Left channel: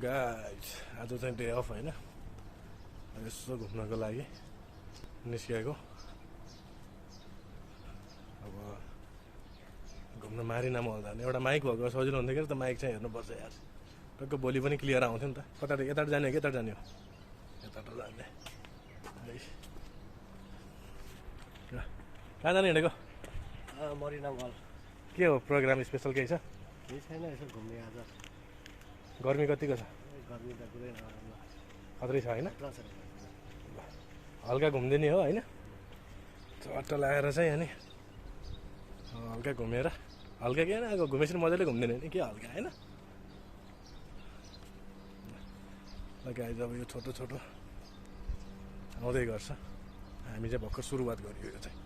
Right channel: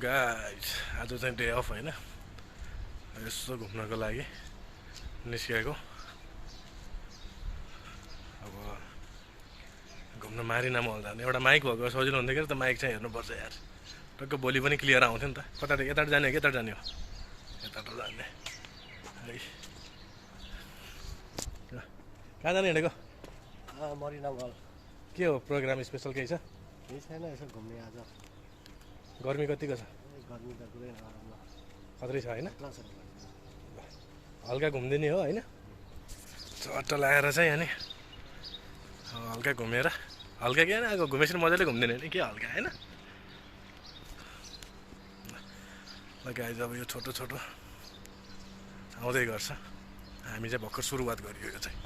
Guys आज चाहिँ day of होइन, यसो घुम्नको लागि निस्किएको। अब घुम्न मारिना मल जाने एउटा माइक भएको सजिलो हुन्थ्यो कि त माइक चाहिँ हेर्नुपर्छ यार, टक्क भोलि पनि क्लियर आउँथ्यो नि त। कताबाट यताबाट जाने हो कि यताबाट जाने हो? यताबाट जाने। कहाँ जाने हिँडेको? मरिना मल। के हो प्रोग्राम स्पेसल केही छ? केही छैन, यसो घुम्ने आज। गर्मी कतिको छ? गर्मी त कुरै नराम्रो, खत्रै छ होइन? खतरा छ। हल्का घुम्दिने हो होइन, चट्ट लगाएर चाहिँ अनि हल्का घुमेर, हल्का के होइन घुमेपछि मजाले घुम्दिने होइन के हल्का होइन। गाइज अब यो छोटो छोटो आउँदै गर्छ, हामी चाहिँ भर्खर सुरुवात गरियो यो चाहिँ।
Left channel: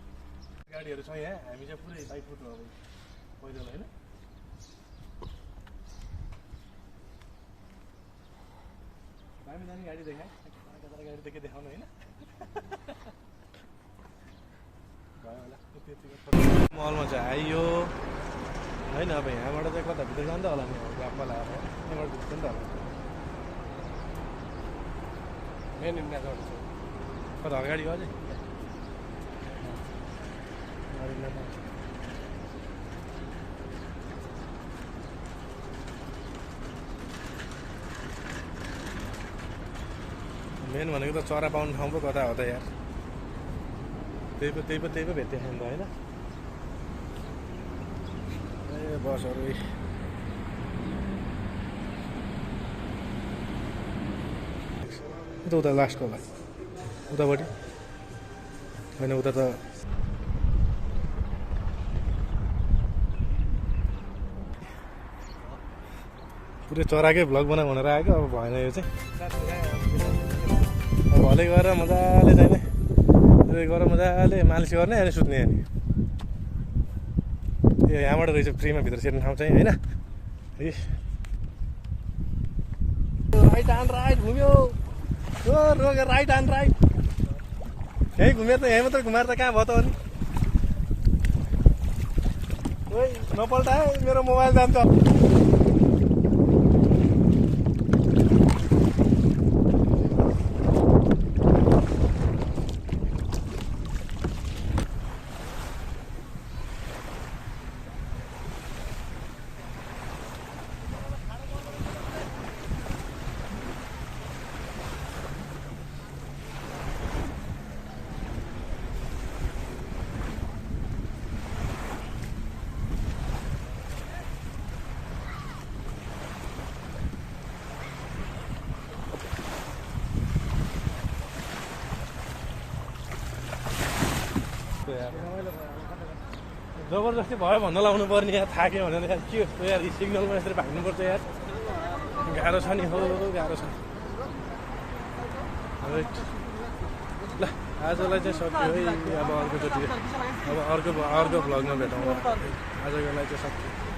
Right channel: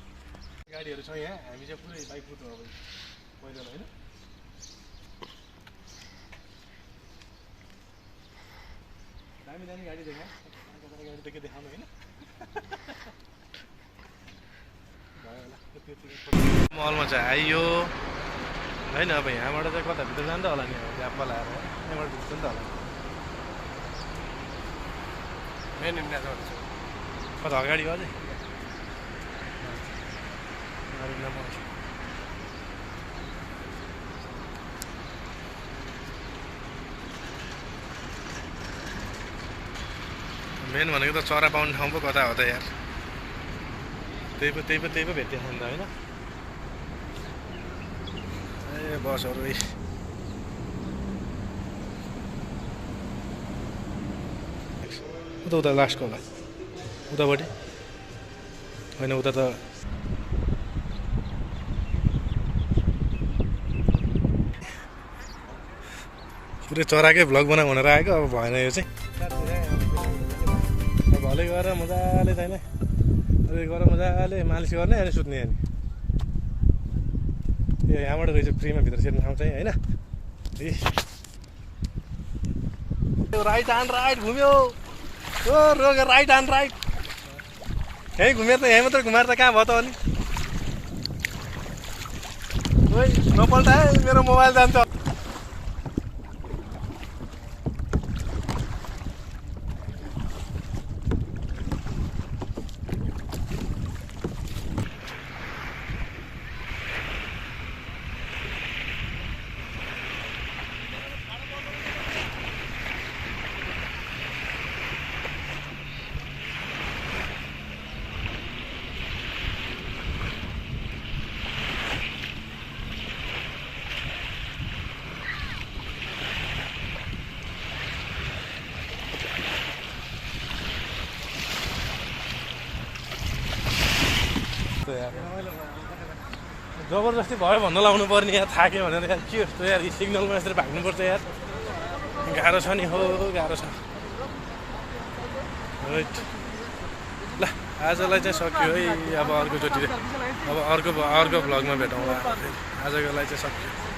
गाडीहरू छ यहाँ, हामी चाहिँ पुरै बाइक कुद्नु अब पहिला होइन। दामी दामी गाडी देखा, गाडी त के देखाउनु होइन। मलमा चाहिँ आइयो होइन, अब यहाँबाट चाहिँ कता भित्र जान्छ होला नि, अब ग्यापमा लगाएर यहाँबाट भित्र नि त होला। मेन इन्डियाबाट छ कता अगाडि हो अझै? मेन भनेको त चरा पाउने ठाउँ पो कता हो त यार, त्यही पो भेट्यो नि त होइन। ए बसहरू उता उता लास्टको होला, उतापट्टि होइन, उता त पुरै चराकै भ्लग बना भनेर आएको, अब भएन यो चाहिँ। भले गएर मजाले जाने, गएर मजाले मालिस गर्ने अनि सुत्ने अनि यो यहाँबाट रहेछ फ्रीमा भित्र छिर्ने ठाउँ चाहिँ होइन। राइट ह्यान्ड राइट घुम्यो, यो रोग राइट ह्यान्ड राइट यहीँ घुमेर त यहीँ मात्रै घुमाएर त कहाँ भयो त अनि? ओइ नपल्टा है, मेरो मोबाइल जान्छ। जबरजस्ती भयो भन्न लाउनु पर्ने यार, थाक्यो भनेर यार के जस्तो यार, सिग्नलमा यसरी भाग्नुपर्छ यार, गाह्रो छ नि हो, गाह्रो छ। ल आजलाई चाहिँ सक्यो है, अब अर्कोचोटि अब अर्को भ्लगमा भेटौँला। आजको लागि चाहिँ सक्यो।